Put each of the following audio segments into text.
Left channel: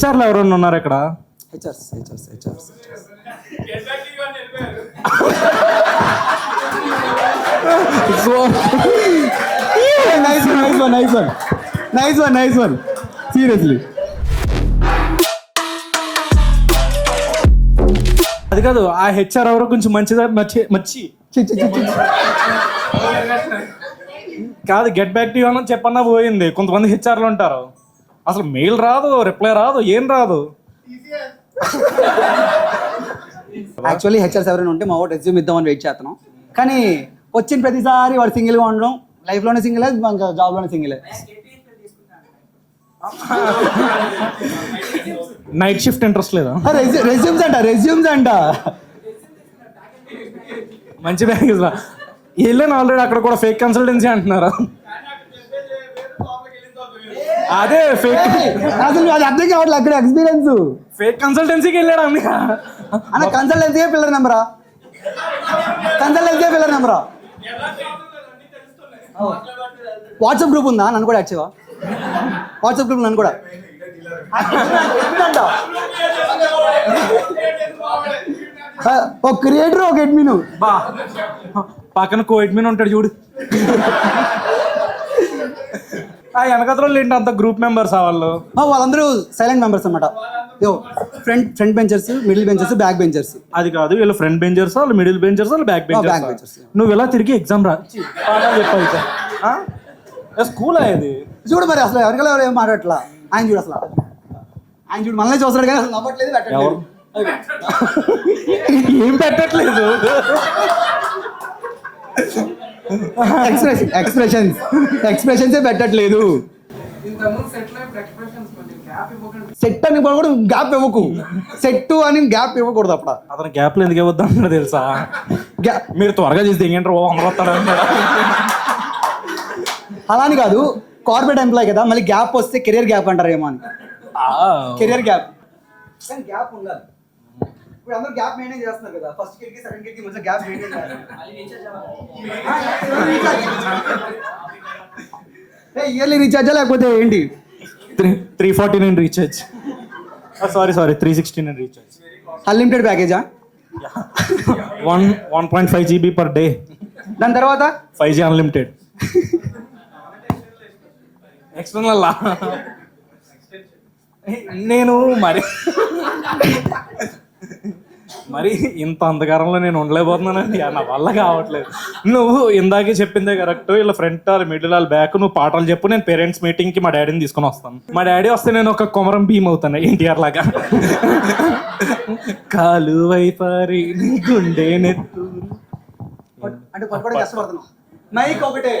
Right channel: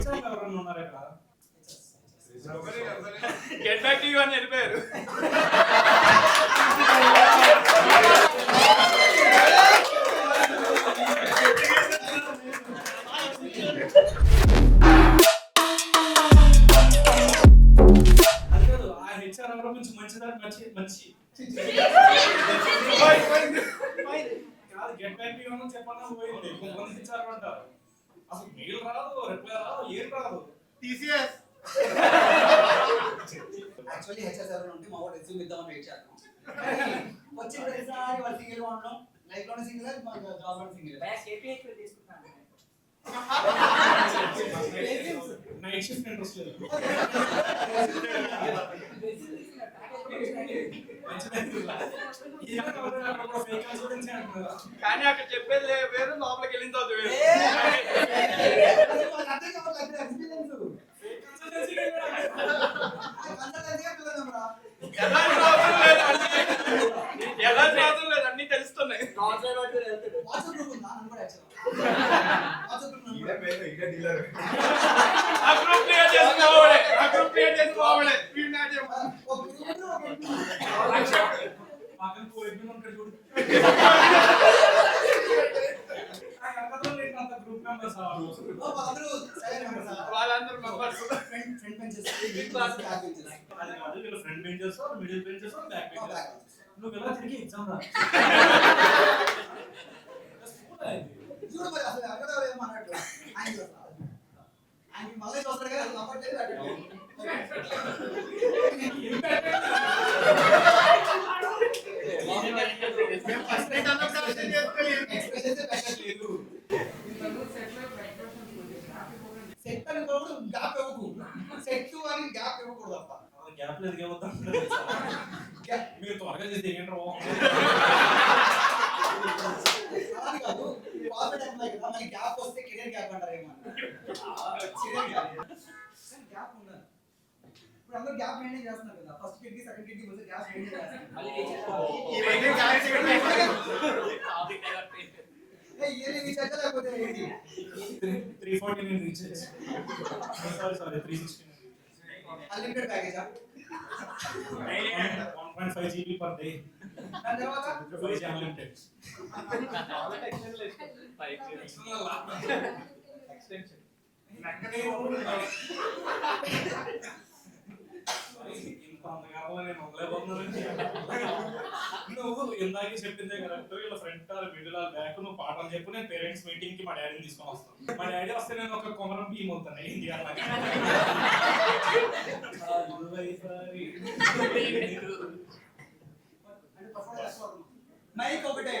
హెచ్ఆర్లు ఎవరైనా ఉన్నారు ఇక్కడ? HRs nice one seriously. అది కాదు, ఆ హెచ్ఆర్ ఎవరో కొంచెం మంచిదా మచ్చి కాదు, గెట్ బ్యాక్ టు యూ అని చెప్పన్నా పోయింది. కొంతమంది హెచ్ఆర్లు ఉంటారు, అసలు మెయిల్ రాదు, రిప్లై రాదు, ఏం రాదు. యాక్చువల్లీ హెచ్ఆర్స్ ఎవరైనా ఉంటే మా వాడు రెజ్యూమ్ ఇద్దామని వెయిట్ చేస్తున్నాం, కానీ వచ్చిన ప్రతిసారి వాడు సింగిల్గా ఉండడం, లైఫ్లోనే సింగిల్, ఇంకా జాబ్లోనే సింగిల్. నైట్ షిఫ్ట్ ఇంట్రెస్ట్ లేదా? రెజ్యూమ్స్ అంట మంచి ప్యాకేజ్ రా. వెళ్ళాను ఆల్రెడీ, అక్కడ కూడా ఫేక్ కన్సల్టెన్సీ అంటున్నారు. అదే ఫేక్, అసలు అది అర్థం కావట్లేదు. అక్కడ ఎక్స్పీరియన్స్ ఫేక్ కన్సల్టెన్సీకి వెళ్ళాడు అన్న. కన్సల్టెన్సీ పిల్లర్ నెంబరా? వాట్సాప్ గ్రూప్ ఉందా? నన్ను కూడా యాక్టివా? వాట్సాప్ గ్రూప్ నన్ను కూడా. ఒక క్రియేటర్, ఒక అడ్మిన్, పక్కన కో అడ్మిన్ ఉంటాడు చూడు. ఆ వెనకతలు ఏంటి అంత గ్రూప్ మెంబర్స్ వాళ్ళు? వాళ్ళందరూ సైలెంట్ మెంబర్స్ అనమాట. Front benchers, middle benchers, back benchers. అది కాదు, వీళ్ళు ఫ్రంట్ బెంచర్స్, వాళ్ళు మిడిల్ బెంచర్స్, వాళ్ళు బ్యాక్ బెంచర్స్. నువ్వు ఇలా తిరిగి ఎగ్జామ్ రా స్కూల్ అయ్యేది చూడు. మరి అసలు ఎవరికైనా ఎవరు ఏం మాట్లాడట్లా. ఆయన చూడు, అసలు ఆయన చూడు, మనల్ని చూస్తాడు కానీ అసలు నవ్వట్లేదు, ఏం పెట్టట్లేదు. ఎక్స్ప్రెషన్సే పెట్టట్లేదు. సెట్ అని కూడా గ్యాప్ ఇవ్వకు. సెట్ అని గ్యాప్ ఇవ్వకూడదు. అప్పుడు అతను గ్యాప్లు ఎందుకు ఇవ్వద్దు అన్నాడు తెలుసా? మీరు త్వరగా చేస్తే ఏంటంటే అమరవస్తాడు అన్నాడు. అలా అని కాదు, కార్పొరేట్ ఎంప్లాయ్ కదా, మళ్ళీ గ్యాప్ వస్తే కెరియర్ గ్యాప్ అంటారేమో అని. కెరియర్ గ్యాప్, కానీ గ్యాప్ ఉండాలి. ఇప్పుడు అందరూ గ్యాప్ మెయింటైన్ చేస్తున్నారు కదా, ఫస్ట్ కిడ్కి సెకండ్ కిడ్కి మధ్య గ్యాప్ మెయింటైన్ చేయాలి. ఇయర్లీ రీఛార్జా లేకపోతే ఏంటి? 349 రీఛార్జ్, సారీ 369 రీఛార్జ్. అన్లిమిటెడ్ ప్యాకేజా? 1.5 GB పర్ డే. దాని తర్వాత 5G అన్లిమిటెడ్. ఎక్స్టర్నల్ నేను మరి ఇంత అంధకారంలో నేను ఉండలేకపోతున్నానండి, నా వల్ల కావట్లేదు. నువ్వు ఇందాకే చెప్పిందే కరెక్ట్. ఇలా front are middle are back, నువ్వు పాటలు చెప్పు, నేను పేరెంట్స్ మీటింగ్కి మా డాడీని తీసుకొని వస్తాను. మా డాడీ వస్తే నేను ఒక కొమరం భీమ్ అవుతాను, ఎన్టీఆర్ లాగా. కాలు వైపారి గుండె నెత్తు అంటే పట్టుకోవడం కష్టపడుతున్నావు. మైక్ ఒకటే,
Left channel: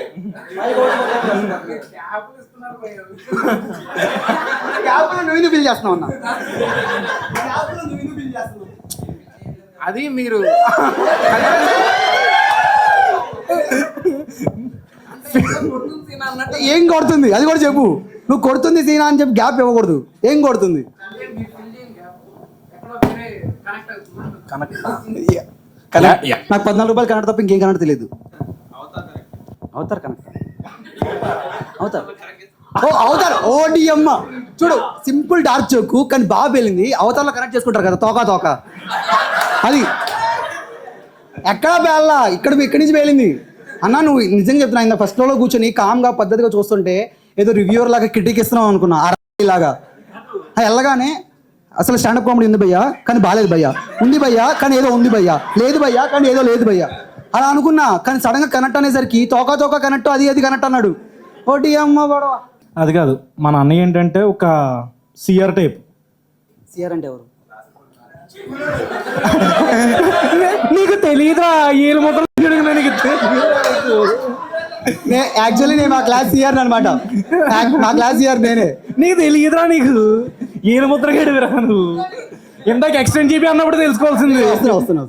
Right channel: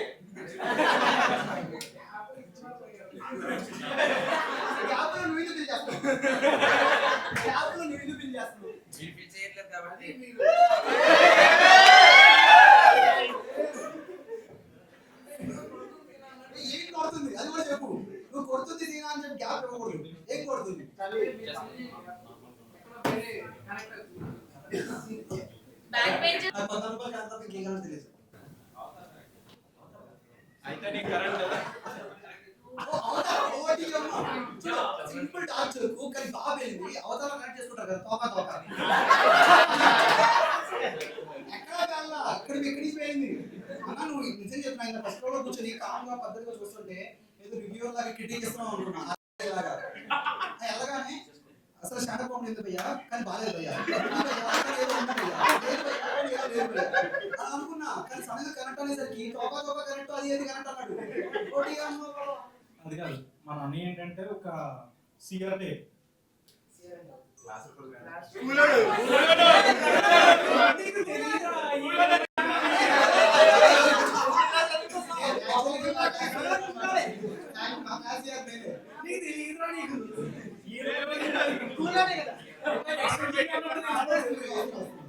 నువ్వు బిల్ చేస్తున్నావు అన్న. అది మీరు ఏం కొడుతుంది అది కూడా చెప్పు. నువ్వు కొడుతుంది సీనా అని చెప్పి గ్యాప్ ఇవ్వకూడదు. ఏం కొడుతుంది? నాకు 14 రూపాయలు కనెక్ట్ తప్ప ఇంకేం కనెక్ట్ తెలియదు. అవుతారు కనెక్ట్ అవుతారు. ఓడి అమ్మ చూడు, సింపుల్ డార్క్ జోకు కానీ బాగా పేలింది. అవతారంలో కనెక్ట్ చేసుకుంటారు కదా, తోక అది ఎక్కడా పేలా, ఇక్కడి నుంచి పేలింది అన్న. నువ్వు నిజంగా చెప్తున్నా, ఇంత ఫస్ట్ ఫ్లోర్లో కూర్చొని కామ్గా పద్ధతిగా చూస్తుంటే ఏదో రివ్యూవర్ లాగా క్రిటిక్ ఇస్తున్నావు అనుకున్నా, లాగా. వెళ్ళగానే అసలు స్టాండప్ కామెడీ ఉంది భయ్యా కానీ బాలేదు భయ్యా, ఉంది భయ్యా కానీ ఏదో ఉంది భయ్యా, లేదు భయ్యా కానీ ఏదో లేదు భయ్యా అలా అనుకున్నా. కానీ సడన్గా కనెక్ట్ అనేసరికి తోక కనెక్ట్, అది కనెక్ట్ అన్నాడు. ఓటి అమ్మ గొడవ. అది కాదు, మన అన్నయ్య ఏంటంటే ఒక సిఆర్ టైప్. సిఆర్ అంటే ఎవరు? నీకు తెలీదురా? ఏళ్ళు మొత్తం యాక్చువల్లీ నేను మా క్లాస్ సిఆర్ అనమాట. మా క్లాస్ సిఆర్ నేనే. నీకు తెలియదురా? నీకు ఏళ్ళు ముద్ర గడివిరా నువ్వు. ఇందాక ఎక్స్టెండ్ జీబీ అన్నప్పుడు తెలుసుకోవాల్సింది. వస్తాను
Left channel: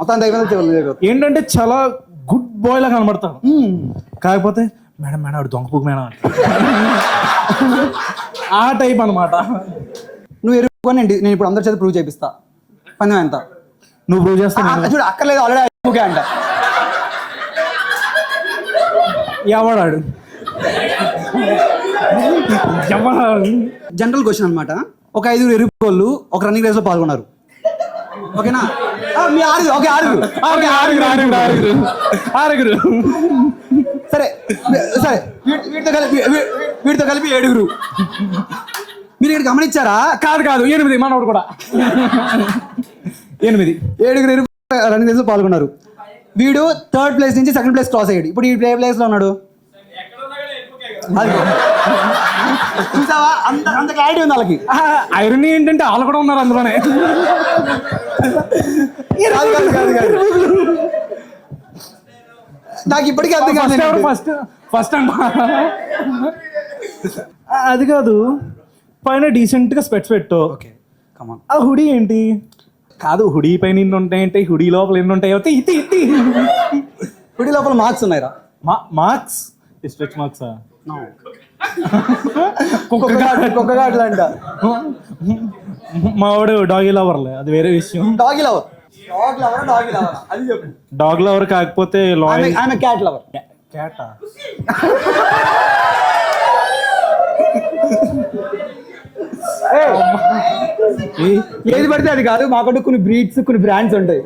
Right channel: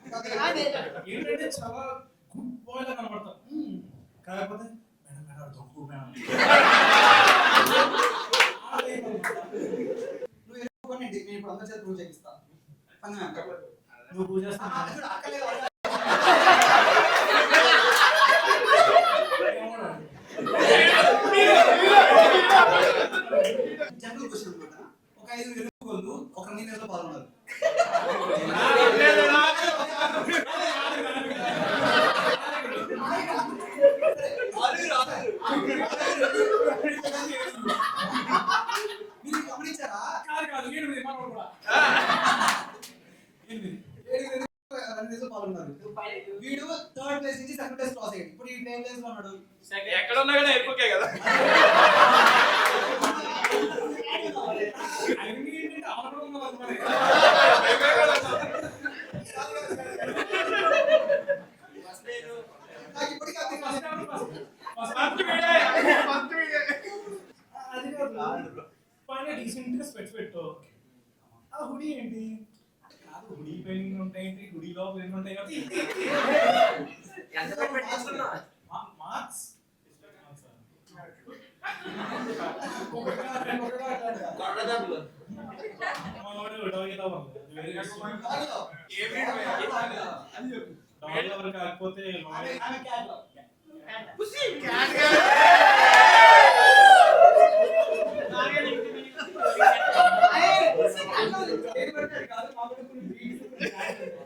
మొత్తం ఏంటంటే చాలా గుడ్ బాయ్ లా కనబడతావు, కాకపోతే మేడం ఆవిడ దొంగపూకు మేడం ఆ టైప్ అనమాట. నువ్వు ఎరుకొని నేను ఇప్పుడు అందరి చేత ప్రూవ్ చేపిస్తా. పందెం ఎంత? నువ్వు ప్రూవ్ చేస్తావు చూడు, అక్కర్లేదు ఆల్రెడీ అంట. ఎవడాడు? జనరల్ క్వశ్చన్ అనమాట. ఒక 5 ఎరుపుకోళ్ళు ఒక రన్నింగ్ రేస్ లో పాల్గొన్నారు. ఓకేనా? మీ ఆరుగురు. ఓకే, ఆరుగురు. సరే సరే, వీటితో కలిపి 7. మీరు ఇక్కడ గమనించారా? కాదు 8 మనోడు కూడా 8 7 రన్నింగ్ రేస్ లో పాల్గొన్నారు. వీడు 3rd ప్లేస్ నుంచి 2nd ప్లేస్ క్రాస్ అయ్యాడు. ఇప్పుడు ఈ ప్లేస్ లో ఉన్నాడు. చూసావా, అంత క్లారిటీ ఉంది వాళ్ళకి. ఐరనీ ఏంటంటే వాళ్ళు కూడా ఉన్నారు అందులోనే. నాకు ఇప్పటికీ అర్థం కాదు. ఫస్ట్ అది కాదు, పైన డీసెంట్ గా స్పెట్స్ పెట్టు. ఓకే, కమాన్. ఆ హుడీ ఏంటి? కాదు, హుడీ పైన ఎన్ని ఉంటాయంటే హుడీ లోపల ఎన్ని ఉంటాయి? హుడీ లోపల మార్క్స్ ఉన్నాయిరా. మార్క్స్? స్ట్రెచ్ మార్క్సా? కుక్కగాడ్లు అంట. మా వాడు డాగీ లవర్లే, అది వేరే విషయం. డాగీ లవర్ అది చెప్పు. డాగ్ లవర్ కాకపోతే లాయల్. ఆమె క్యాట్ లవర్. క్యాటా? ఏది పడితే అది కాదు. మాకంటూ కొన్ని బ్రీడ్స్, కొన్ని బ్రాండ్స్ ఉంటాయి.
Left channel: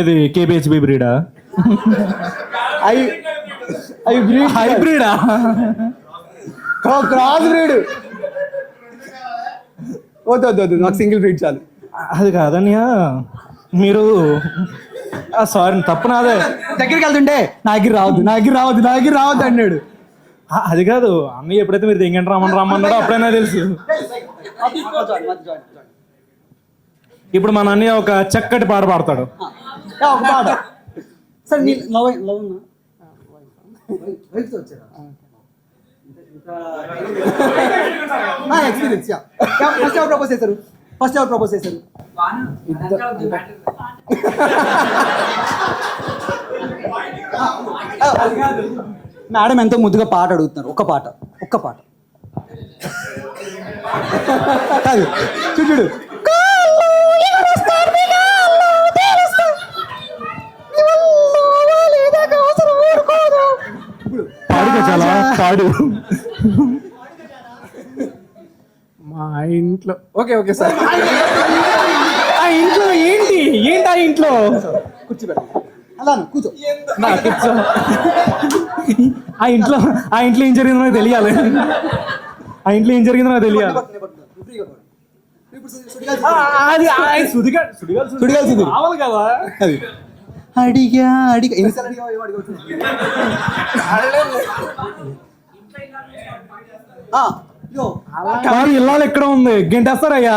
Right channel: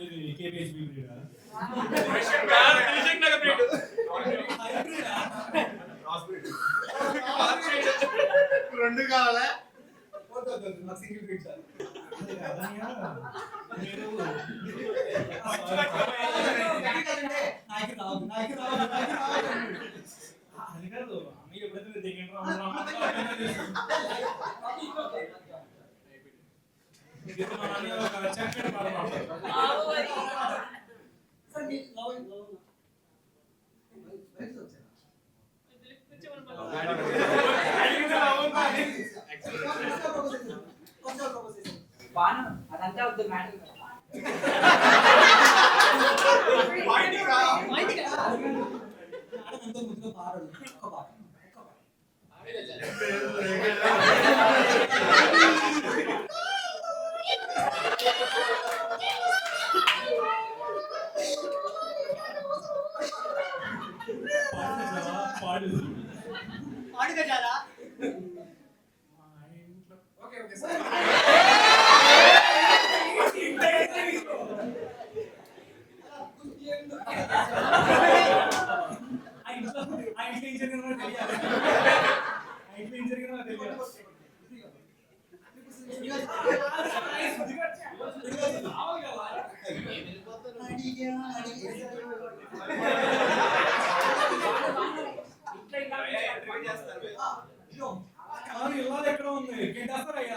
ఇది కేబిహెచ్బి బ్రీడా? అవి బ్రీడ్, హైబ్రిడా? Cross breed. వద్దు, నాకు సింగిల్ బ్రీడ్ చాలు. అది కాదనియా, మీరు సారీ తప్పు నాదే. దగ్గరికి వెళ్తుంటే నాకు రావద్దు అన్నాడు. అది కాదు అన్నయ్య, ఎప్పుడైతే మీరు తెంగండి రమ్మన్నాడో అప్పుడైనా తెలుసు. ఇప్పుడు మన అన్నయ్య ఒక చక్కటి పాట పాడతాడు. ఒక పాట. సరే, నీ లవ్ ఎక్స్పీరియన్స్. ఫస్ట్ ఎవరు ప్రపోజ్ చేశారు? మేడం ఎంతో ముద్దుగా పాట అడుగుతున్నారు. ఒక్క పాట. చూడు, పాడు. మా ఇంట్లో ఓకే సార్. ఆ ఇంట్లో ఏంటి? ఆ ఇంట్లో అలా కూర్చో. ఆ ఇంట్లో ఏం జరిగిందో నాకు తెలియాలి. అది సుడిగాలి కావాలి కదా. అది అడిగా కాదు, ఇల్లాలు ఎక్కడ ఉంది? గంటేస్తారయ్యా.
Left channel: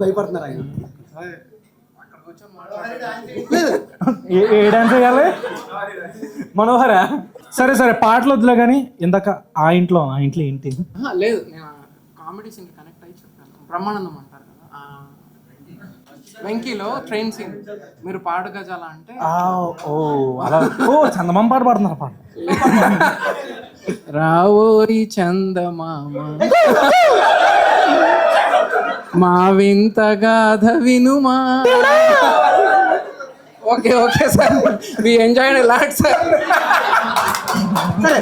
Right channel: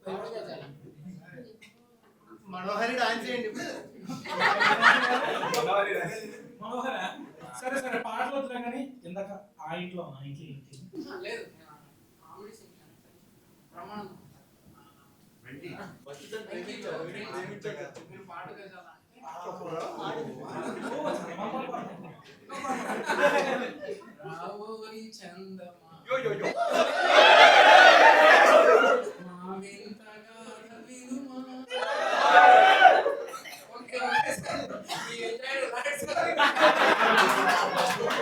భయపడుతున్నారు ఆయన. ఏ డాన్స్ చేయాలి? మనోహరా? సరే పాటలు వద్దులే కానీ ఇందాక ఆ ఇంట్లో ఏంటి? లేదు, నేను కామెడీ సీన్ కనెక్ట్ అయ్యి చెప్తాను. బ్రహ్మానందం అంటారు కదా, వెంకీలో ట్రైన్ సీన్. మీరు పాడు గజాల అంటే చందమామ పాట పాడుతున్నారు. పాట రావోరి చందమామ మా వింత గాథ వినుమా. Okay sir, we enjoyed a lot sir. సరే,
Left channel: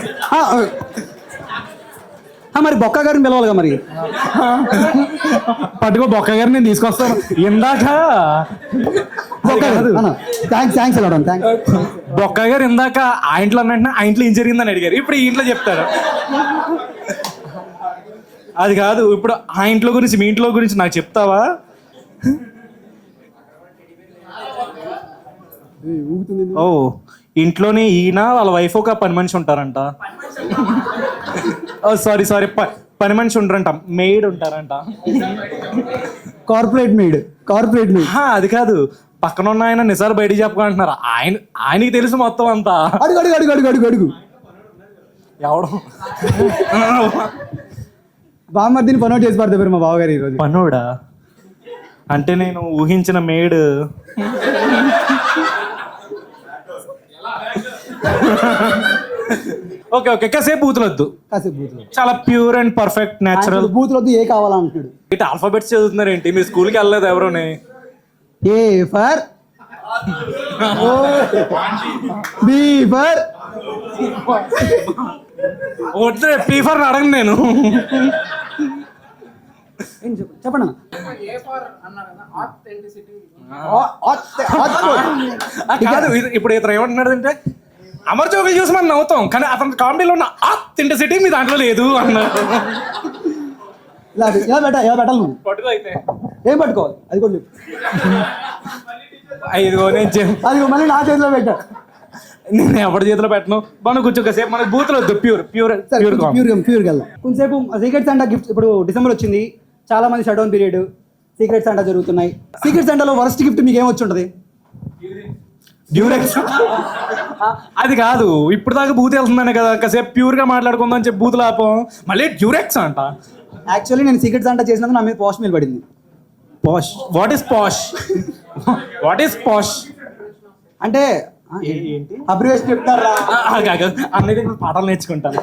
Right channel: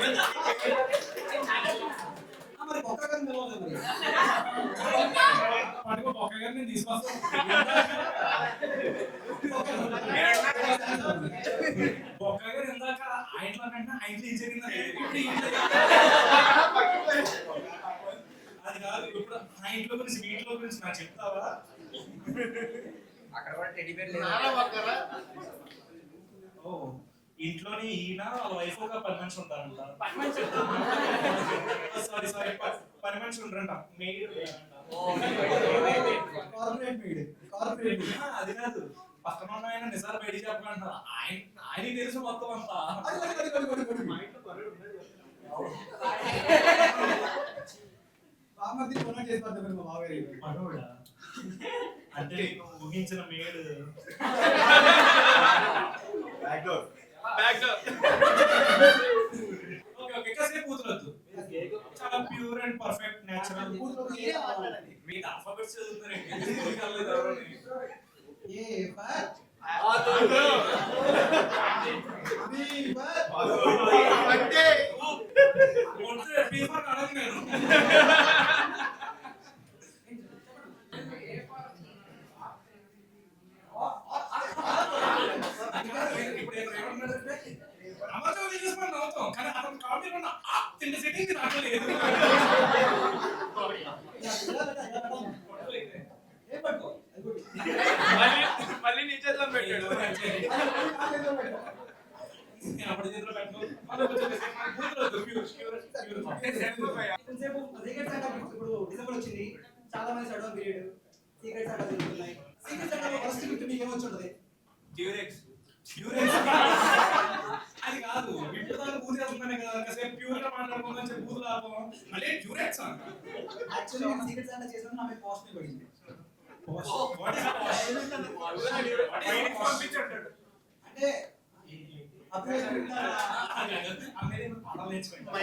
మరి బొక్క గారిని పిలవాలిగా. మరి పట్టుకో, బొక్క గారిని నేను తీసుకొస్తాను. ఇందాక థ్యాంక్స్ అలా. బొక్క గారు ఇందాక ఆ ఇంట్లో అన్నట్టు ఆ ఇంట్లో ఏం జరిగిందని అడిగారు. ఇప్పుడు ఈ ఇంట్లో చెప్తారు. అది కాదు, ఇప్పుడు ఆ ఇంట్లో గురించి మీ ఇంట్లో గురించి నాకు చెప్తావా? ఓ, ఇంట్లోనే ఈయన వాళ్ళ వైఫ్ ఒక పని మనిషి ఉంటారంట. సారీ పని మనిషి ఉంటారంట, మెయిడ్ ఉంటారంట. Corporate maid. అది కాదు, పక్కన ఉన్న ఆయన నిజాలు బయటికి చెప్పకంటున్నారు. ఆయనకి తెలుసు మొత్తం అంతా. అడుగు ఎవడు బామ్మర్దిని పనోట్ చేసి పడతారు మా బావగారు ఈరోజు. పనోడా అంటే నేను ఊహించిన మేడ్. ఓకే కాసేపు బూతులొద్దు. చాలా ప్యూర్ అండ్ పర్ఫెక్ట్ న్యాచురల్. బూతులొద్దు, ఏ కావాలంటాడు. ఇటు ఆల్ఫాబెట్స్ చదువుతున్నారు ఏంటి? మీరు స్కూల్కి వెళ్ళలేదు ఎవరోని? ఏ ఫర్ బీఫర్ వద్దు పీఫర్ అడగను నేను. చెప్పండి అన్న. ఏ ఫర్ అన్నారన్న ఆథెంటిసిటీ. కాదు ఇప్పుడు ఇతను ఏమంటున్నాడు అంటే అమర్ జోకులు చూసి మనం నవ్వుతాం కానీ అతని కామెడీలో ఉన్న ఆథెంటిసిటీ మీ దాంట్లో లేదు అన్నారు. ఇలా పెట్టాలి నువ్వు. పట్టుకో అయితే ఏం పట్టుకోవాలి అది కూడా చెప్పు. ఇదిగో అది మళ్ళీ నా చేతిలో పెట్టా. నేను ఎవరి చేతిలో పెట్టను. మనం కూర్చో కాసేపు మనకు బూతులు వద్దు. ప్యూర్ వెళ్దాం కొంచెంసేపు. సీక్రెట్ శాంటా గిఫ్ట్ ఇప్పుడు డిసెంబర్ వచ్చింది, చాలా మంది shut down period, secret Santa జరుగుతున్నాయి. సీక్రెట్ శాంటాలో వరస్ట్ గిఫ్ట్ మీకు ఏమొచ్చి ఉంటుంది? డ్యూరెక్స్. అది కాదు ఇప్పుడు దాకా బూత్ వెళ్తుందనే కదా కాసేపు ప్యూర్ గా మాట్లాడుకుందాం అని చెప్పి బూతులు ఆపం, మళ్ళీ డ్యూరెక్స్ అంట. యాక్చువల్లీ నేను సీక్రెట్ శాంటా చేసినందుకు నా మీద పాష్ మీద పడింది. POSH? What is POSH? What is POSH అంటే ఏంటి? అబ్రివేషన్ చెప్తారా? అన్నది ఇప్పుడు పాఠాలు నేర్చుకుంటాను.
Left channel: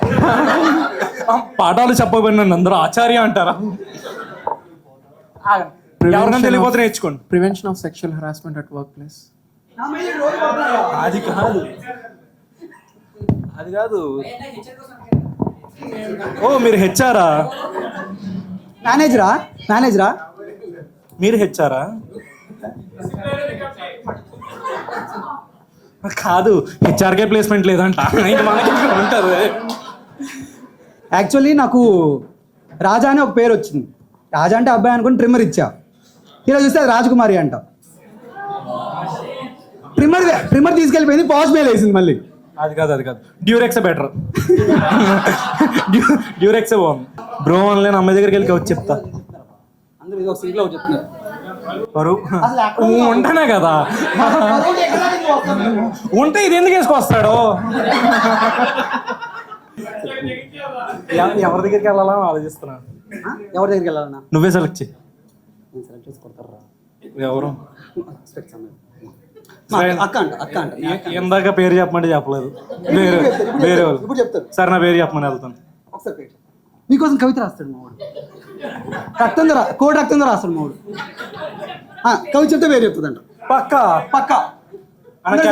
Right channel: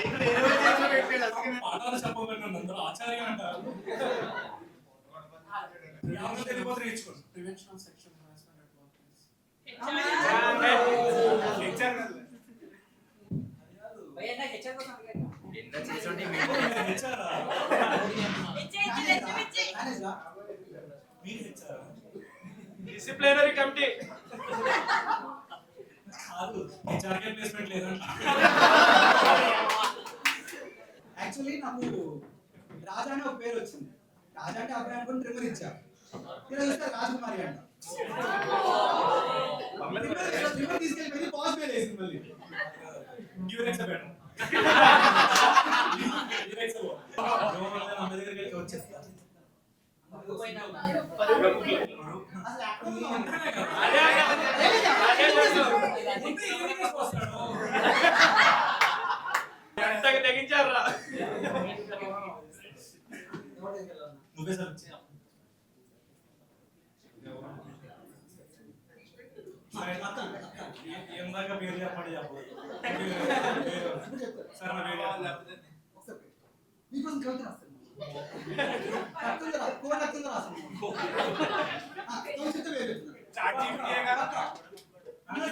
పాఠాలు చెప్పబడిన నన్ను అందరూ ఆచార్య అంటారా? ఎవరికైనా తెలియకపోతే నేర్చుకోండి. Prevention of sexual harassment at work place. అది కాదు అది కాదు. ఓ మీరు హెచ్ఆరా? మేనేజరా మీరు హెచ్ఆరా? కాదు హెచ్ఆర్కే ప్లేస్మెంట్ లేదంట. ఉంటారు. యాక్చువల్లీ నాకు రాజా అని ఒక పేరు వచ్చింది. రాజా అంటే అబ్బాయి అనుకుని ట్రిమ్మర్ ఇచ్చా. ఇలా చూస్తే అది రాజకుమారి అంట. ట్రిమ్మర్ తీసుకెళ్ళిపోయింది, పాజ్ మేల్ వేసింది మళ్ళీ. అది కాదు డ్యూరెక్స్ బెటర్. డ్యూరెక్సే బాగుంది. బ్రో ఆన్లైన్ అమ్మాయి దగ్గరికి వెళ్ళి వచ్చి చెప్తా. ఉంటానే కదా ఉంటే ఇది ఎందుకు వేసుకొస్తాడు? ఎవరి దగ్గరికి వెళ్ళాలా ఆలోచిస్తున్నాను. ఎవరి దగ్గరికి వెళ్ళాలన్నా? నువ్వే సెలెక్ట్ చేయి. ఎవరు? ఇందాక పేరు చెప్పమంటే చెప్పలేదు. వేరే వాళ్ళు. ఇప్పుడు చెప్తారు. సరే నా పేరు చెప్పమని వెళ్తాను. మీకోసం కవిత రాస్తాడు మావాడు. కోడి రక్తంతో రాస్తాడు మావాడు. కవి చెప్తే పేరు చెప్తుందంట. పక్క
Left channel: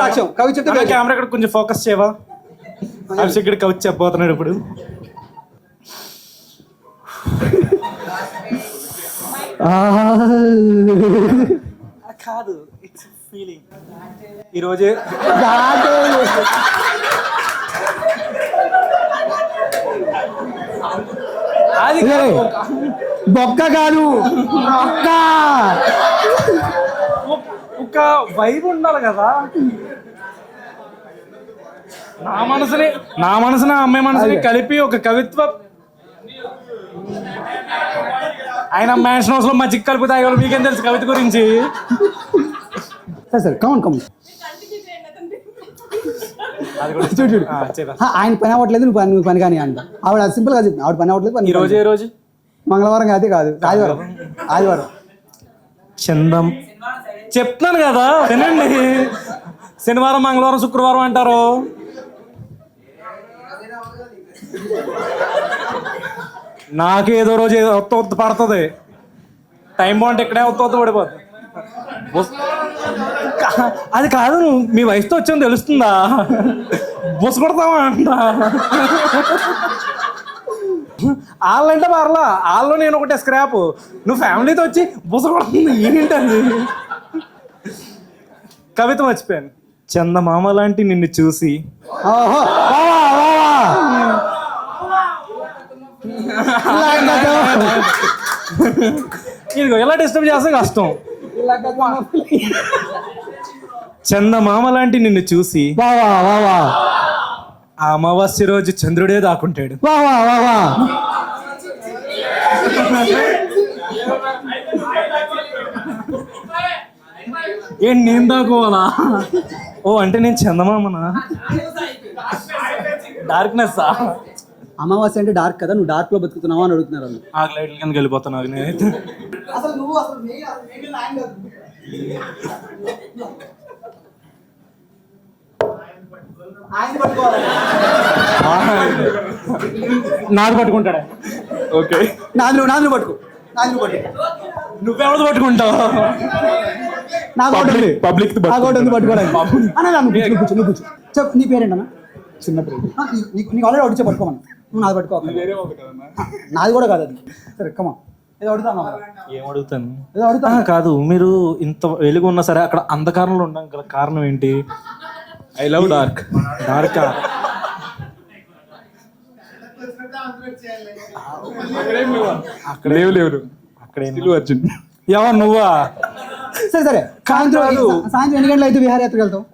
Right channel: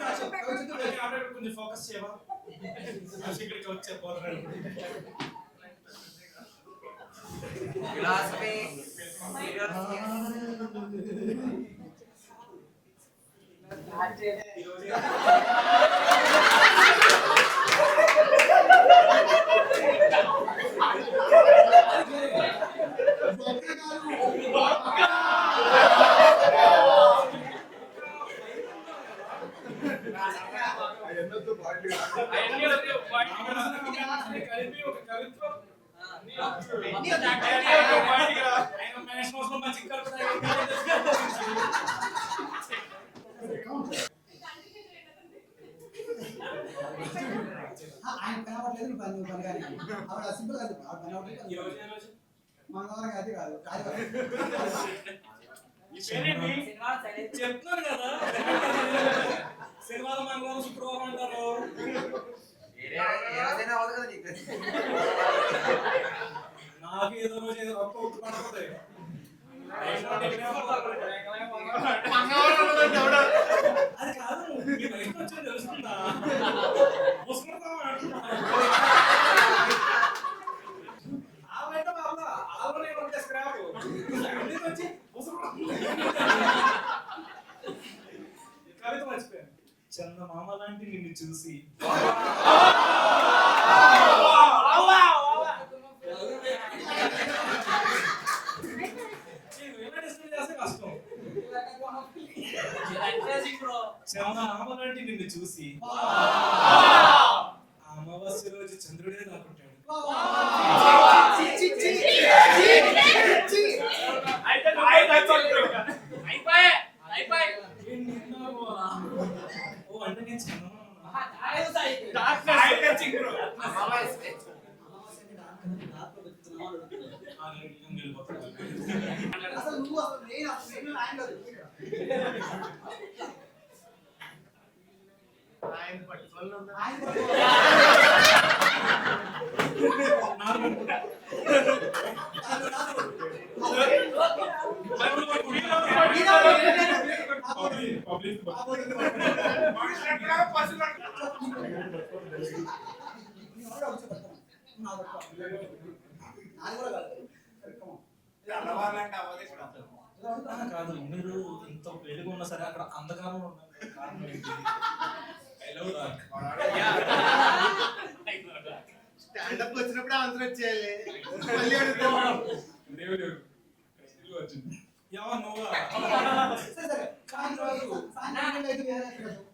సాక్ష్యం. కవి చెప్తే కెమెరా ఇక్కడ కొంచెం ఫోకస్ చేయవా? ఇక్కడ కవి చెప్పబోతున్నాడు ఇప్పుడు. కాదు ఫీలింగ్ ఈరోజే బొక్క కాదు, ఒక వైబ్ ఉండాలి కదా. నా మనసుని అమ్మాయి మనసుని కలిపి ఒక కవిత్వ. ఆయన మ్యాన్షన్ హౌస్ లో మజ్జిగ కలిపి తాగేవాళ్ళు. మీకేం తెలుసు కవిత గురించి? సరే కమన్ చూడు. ఆయన పని అవ్వట్లేదు, నువ్వు పని కానీ అంట. ఆవిడ సింపుల్ గా చెప్పింది, ఆవిడ పని అవ్వట్లేదు. ఈ రోజు మంగళవారం కాదు ఆదివారం. చందం చెప్తున్నాను కదా వినండి. శనివారం మంగళవారం శుక్రవారం అంటారు. నాకు ఏదో రోజు ఒత్త పడుతుంది. టైం బాగుంటే ఇక్కడే ఒత్త పడిపోతుంది. అది కాదు, నువ్వు మీ వయసుతో వచ్చాను తెలుస్తుందా? బుస కొడతావా అంట. వాళ్ళంటే పర్లా, వాళ్ళు నేను ఒకటే స్క్రాప్. నువ్వు ఫ్యామిలీతో వచ్చి బుస కొడుతుంది ఏంటండి? కవిత మర్చిపోయాను. చందమామ లాంటి నిన్ను చూసి ఇదిగో ఎలా డిస్టర్బ్ చేస్తే కష్టం. చందమామ లాంటి నిన్ను చూసి ఆ అమావాస్య రోజు చంద్రుడే దాక్కుంటాడు. ఏంటి నేను దాకోవాలా? ఓ అంటే నేను చందమామనా? డార్క్నెస్. అమావాస్య అంటే డార్క్ కదా, నువ్వు డార్క్ లో బతుకుతున్నావా అని అడుగుతున్నారు. ఆ లైట్ల కిందకి వెళ్ళిపోతున్నా నేనైతే. నాది పట్టుకుంటాడా? ఓకే నాది పట్టుకో. నువ్వెవరు పట్టుకుంటావు? నాకు ఒకటి ఉంది. Public ది నాకు ఒకటి ఉంది పట్టుకోవడానికి. అన్న నువ్వు కూర్చో. చెప్పు నీ పేరేంటన్నా? చిన్న పేరు. నీకు ఆల్రెడీ అడిచే పట్టుకోమని. నువ్వు నాది పట్టుకో. నాది కూడా కాదు అది. సరే కమా ఏదో అడుగుతాను. ఏం అడుగుతాను? ఏదో అడుగుతాను. కాదు, మీరు ఇంత వెలుగు ఉన్నా సరే అక్కడ అంధకారంలో ఉండడం గల కారణం ఏంటి? I love dark. డార్క్ అక్కడ లేవు. అక్కడ అర్జున్ ఎవరు నువ్వా? సరే సరే సాయంత్రం ఎన్ని గంటలు అయితే విహారయాత్రకు వెళ్తావు?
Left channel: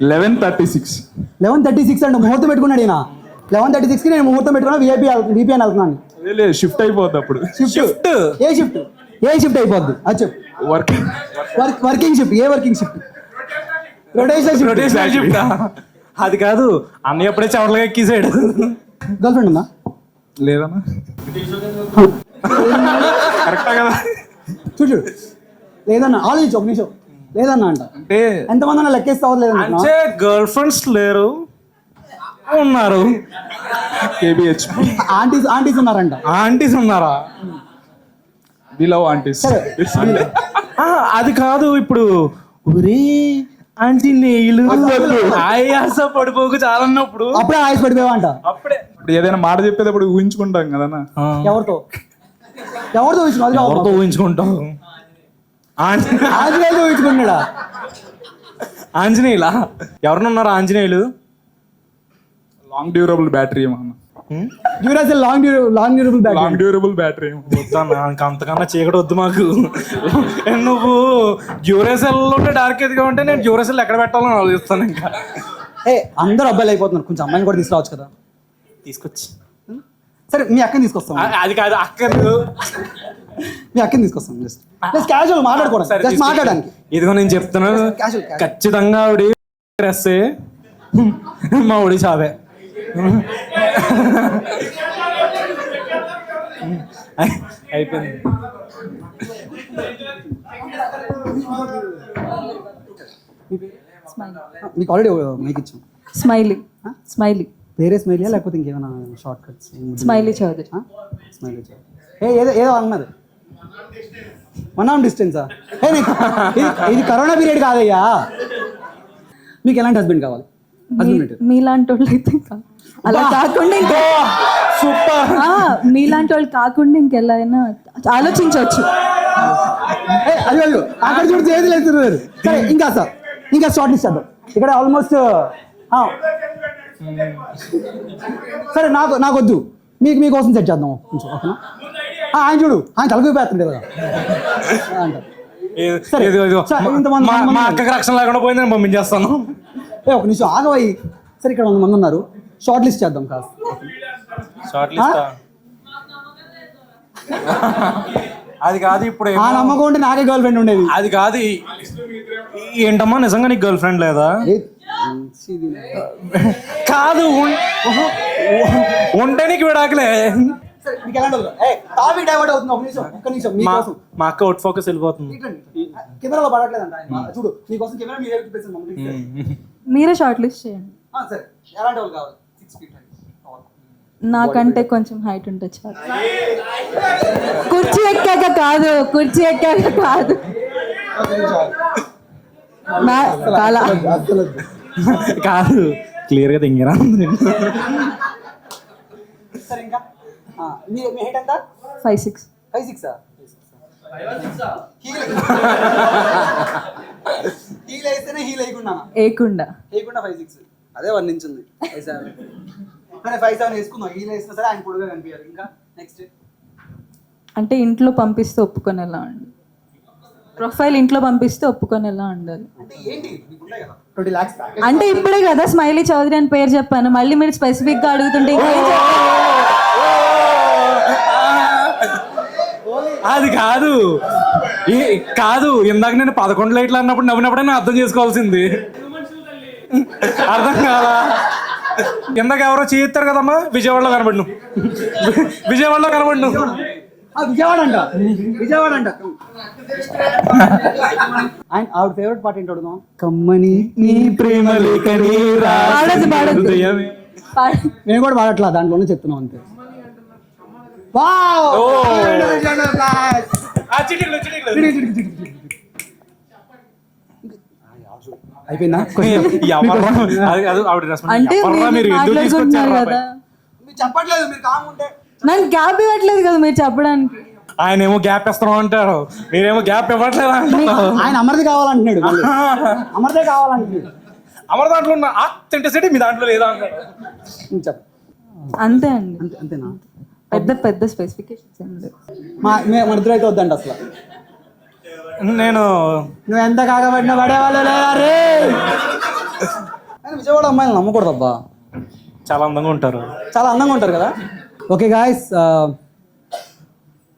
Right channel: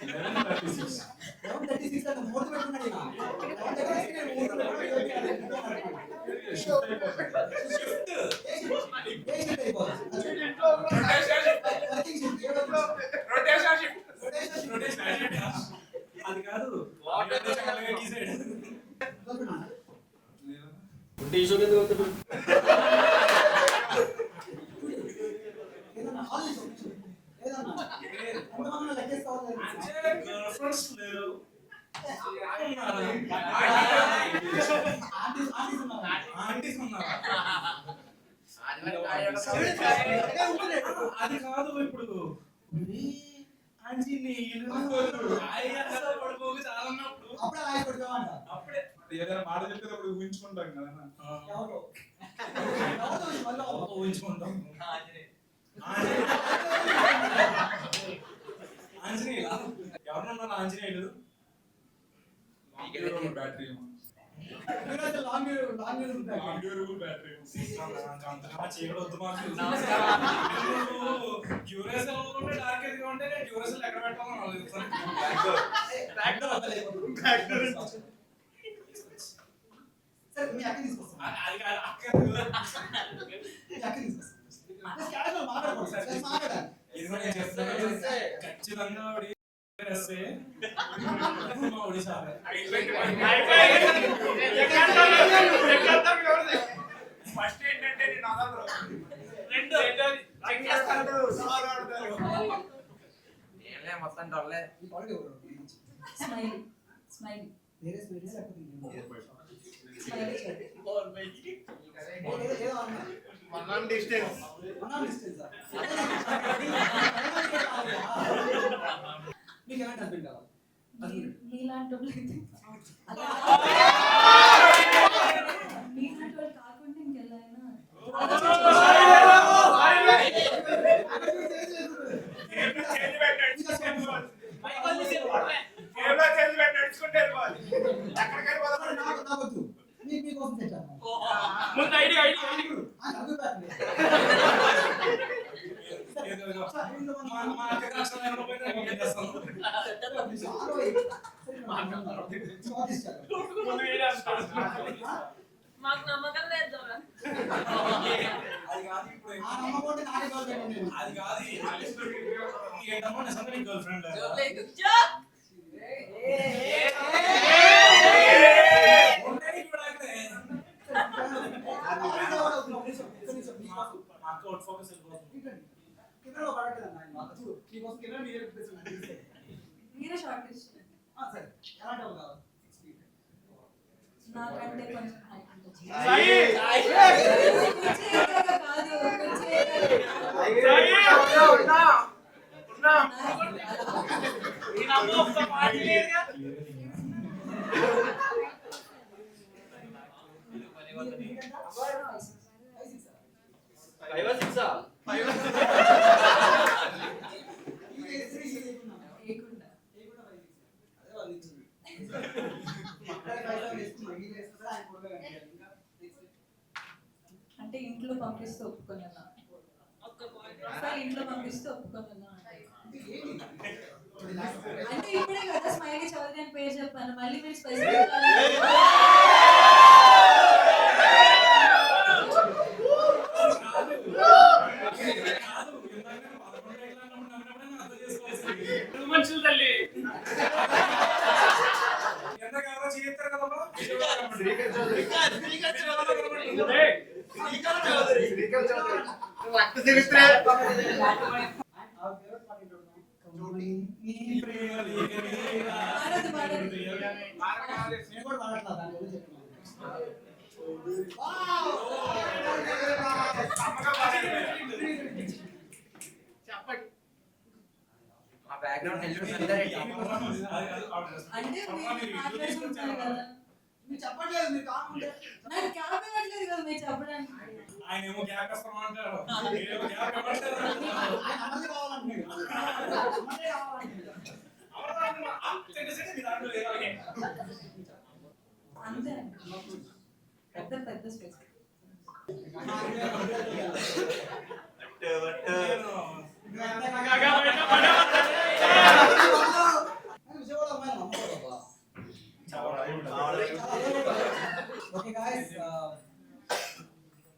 11:36 అంటే ముహూర్తం పెట్టుకున్నాడు ఈయన. 11:36కి నేను ముహూర్తం పెట్టుకున్నా. విపి అని వెళ్తున్నాను. షిఫ్ట్ అయిపోద్ది అప్పుడు. షిఫ్ట్ ఏ షిఫ్ట్ అయిపోద్ది అది చెప్పు. Working shift. ఏ వర్కింగ్ షిఫ్ట్? Rotational shift. అది కాదు, అన్నయ్య ఎప్పుడే చవటలుగా ఎక్కిసాడు. గర్ల్ ఫ్రెండ్ ఉందా? లేదన్నా. కరెక్టా కదా? చూడు లేదన్నా ఆలోచించు ఒక నిమిషం. లేదన్నా అంటే ఎంతమంది అన్నా లెక్కేస్తావు? లేదన్నా అంటే గర్ల్ ఫ్రెండ్స్ లేరు, ఉన్నారు. ఆంటీస్ ఉన్నారంట. ఆంటీస్ ఉన్నారా? అది కాదు, ఇప్పుడు ఒరే ఆంటీ నెయ్యిలు ఆయాస పడిపోకు చాలా అన్నప్పుడు అప్పుడే ఆయాస పడిపోయావంట. అప్పుడే ఏదైనా మాట చెప్పేటప్పుడు ఊహించుకుంటాం కదా. ఎవరితో ఊహించుకుంటాం? ఆంజనేయులు ఊహించుకున్నాడా? ఆంజనేయులా? ఎవరినున్నారు ఆంజనేయులు? లాంగ్ డ్యూరబుల్ బ్యాటరీ అంతకన్నా చీకటి వద్దు మాకు. నువ్వు డ్యూరేసెల్ ఉంటే డార్క్ ఎదిగా ఉంటే నేను డ్యూరేసెల్ ఎక్కడ పెట్టాలని ఆలోచిస్తాను. ఇంకా అందరూ అబ్బాయిలు అయిపోతున్నారు, కొంచెం అమ్మాయిని కూడా తీసుకురావచ్చు కదా. తీసుకొచ్చి సరే మీ అక్కని తీసుకొస్తాం. అది కాదు అక్కర్లేదు, మీ అక్కని తీసుకొస్తాం. జస్ట్ క్యాజువల్ మాట్లాడుకోవడం, జస్ట్ మాట్లాడడానికి. ఇదిగో నేను చెప్తున్నాను, ఖచ్చితంగా ఆవిడ డ్రెస్సే మా ఒడి చావే. అయిపోయింది. మీకు ఆల్రెడీ మైక్ ఇచ్చాం. స్మైలీ వేరే స్మైలీయా లేకపోతే ఇంకేమైనా short cuts? Smiley Chowdhury. Smiley Chowdhury. ఏదో అన్నారు. 1 arm distance. ఇది కరోనా పీరియడ్ కాదయ్యా. మీకు ఎలాంటి హస్బెండ్ కావాలి? మీలాంటి వాళ్ళు అయితే అలా కాకుండా మీలాంటి వాళ్ళు కాకుండా ఇంకెలా అయినా ఆలోచించవచ్చు. అయ్యో అక్కడ చూడు చేతులు వేస్తున్నారు. సరే ఇంకా షార్ట్ లిస్ట్ చేద్దాం. ఇక్కడ ఆల్మోస్ట్ సరే నాకు వద్దు, మీకోసం సెట్ చేద్దాం. ఆయన చూడు, ఆయన తలగిపోతుండే కదా. మా అక్కకి రక్షణ లేకుండా పోయింది, నేను పంపించేస్తాను. ఒక నిమిషం ఆగవయ్యి. సరే ఇక్కడ 100 మంది ఉన్నారు, షార్ట్ లిస్ట్ చేద్దాం కాదు. అది కాదు, ఇప్పుడు ఆ నమ్మకం ఉంటే నాకే గర్ల్ ఫ్రెండ్ ఉండేది. అది కాదు. ఏంటమ్మా నిజంగా నీకు గర్ల్ ఫ్రెండ్ లేదా? కాదు, ఉంటే నీకు విడాకులే. మా అక్క అవుట్ ఫోకస్ వెళ్ళిపోతుంది. కెమెరాలో పడట్లేదంట. చూడు నీకోసం కెమెరా మీరే షార్ట్ లిస్ట్ చేయండి. ఎలాంటి వాళ్ళు కావాలి? 6 feet. నాకంటే కొంచెం హైట్ ఉంటే చాలు. కుర్చీ ఎక్కాక కాదు. కాదు, క్లియర్ గా తింగిరా. సరే ఇంకా 5'6". 5'6". హీల్ వేస్తేనే హీల్ వేయకుండా 5'6". అదే 1 inch ఉంది. 5'7" వేసుకుందాం. హీల్ వేసినా సరే ఆయన పొడుగా కనిపించాలి. ఇంకా నెక్స్ట్ అంటే ఇంట్లో పంపిస్తే ఒప్పుకొనేలా ఉండాలి. ప్రొఫైల్ ఇంట్లో పంపిస్తే ఒప్పుకొనేలా ఉండాలి. అంటే ఇప్పుడే కదా స్మైలీ చౌదరి అని పేరు చెప్పాను, మళ్ళీ మీరు స్పెసిఫిక్ గా అడుగుతుంటే అది కాదు ఇందాక నేను 11 లైట్లు అన్నప్పుడు నవ్వినప్పుడే నేను అర్థం చేసుకోవాల్సింది. అర్థం కాదా? ఇందాక ఎవరో చేయిస్తారు కదమ్మా, విజయవాడలో కనబడి విజయవాడ అంట. ఆవిడ ఫేవరెట్ పాట ఏంటి అడుగుదాం? కమ్మని నీ ప్రేమ లేఖని నేను కూడా పాడట్లా, దాంట్లోనే చెప్తున్నాం అంతే. అయిపోయిందా ఎవర్రా? అది ఆవిడ రెస్పాన్స్. అంటే ఎవర్రా మీరు మీరు ఎందుకు మాట్లాడుకుంటున్నారు తీసుకొచ్చారు కదా, మీరు చెప్పట్లేదు, మీరు కాముండే. నాకు గ్యాప్ ఇవ్వట్లేదు కదా మీరు చెప్పడానికి. ఆయన ఏమో గ్యాప్ ఇస్తున్నాం అంటారు, మీరేమో గ్యాప్ ఇవ్వట్లేదు అంటారు. ఆయన అమర్ది కావాలంటున్నాడు మళ్ళీ. అమర్దే కావాలంటున్నాడు. అమర దాంట్లో ఉన్న ఆథెంటిసిటీ మీ దాంట్లో లేదా అంటారు. చెప్పు. అంతే అండి, అంతేనా? పెద్ద పెద్ద స్పెసిఫికేషన్స్ ఏం లేవు. మన ఇద్దరు అయితే వద్దండి అసలు. నేను నువ్వు ఎంత కాకపోయినా పడేవాళ్ళు రే. విజయవాడ అమ్మాయిలు నమ్మకూడదు అబ్బా, చాలా అందంగా ఉంటారు. చాలా అందంగా ఉంటారు కదా. ఓకే గాయస్,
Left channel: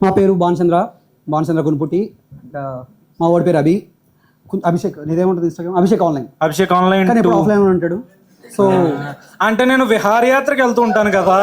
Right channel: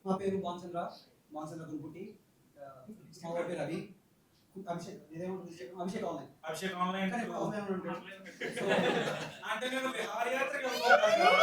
మా పేరు భానుచంద్ర గునుపుట్టి. మా వాడి పేరు అభిషేక్. నీదేముంటుంది Instagram? Abhishek online. Abhishek online కానీ ఇప్పుడు ఆఫ్లైన్ ఉంటాడు. సో అంటే నేను విహారయాత్రకి వెళ్తూ ఉంటాను కదా,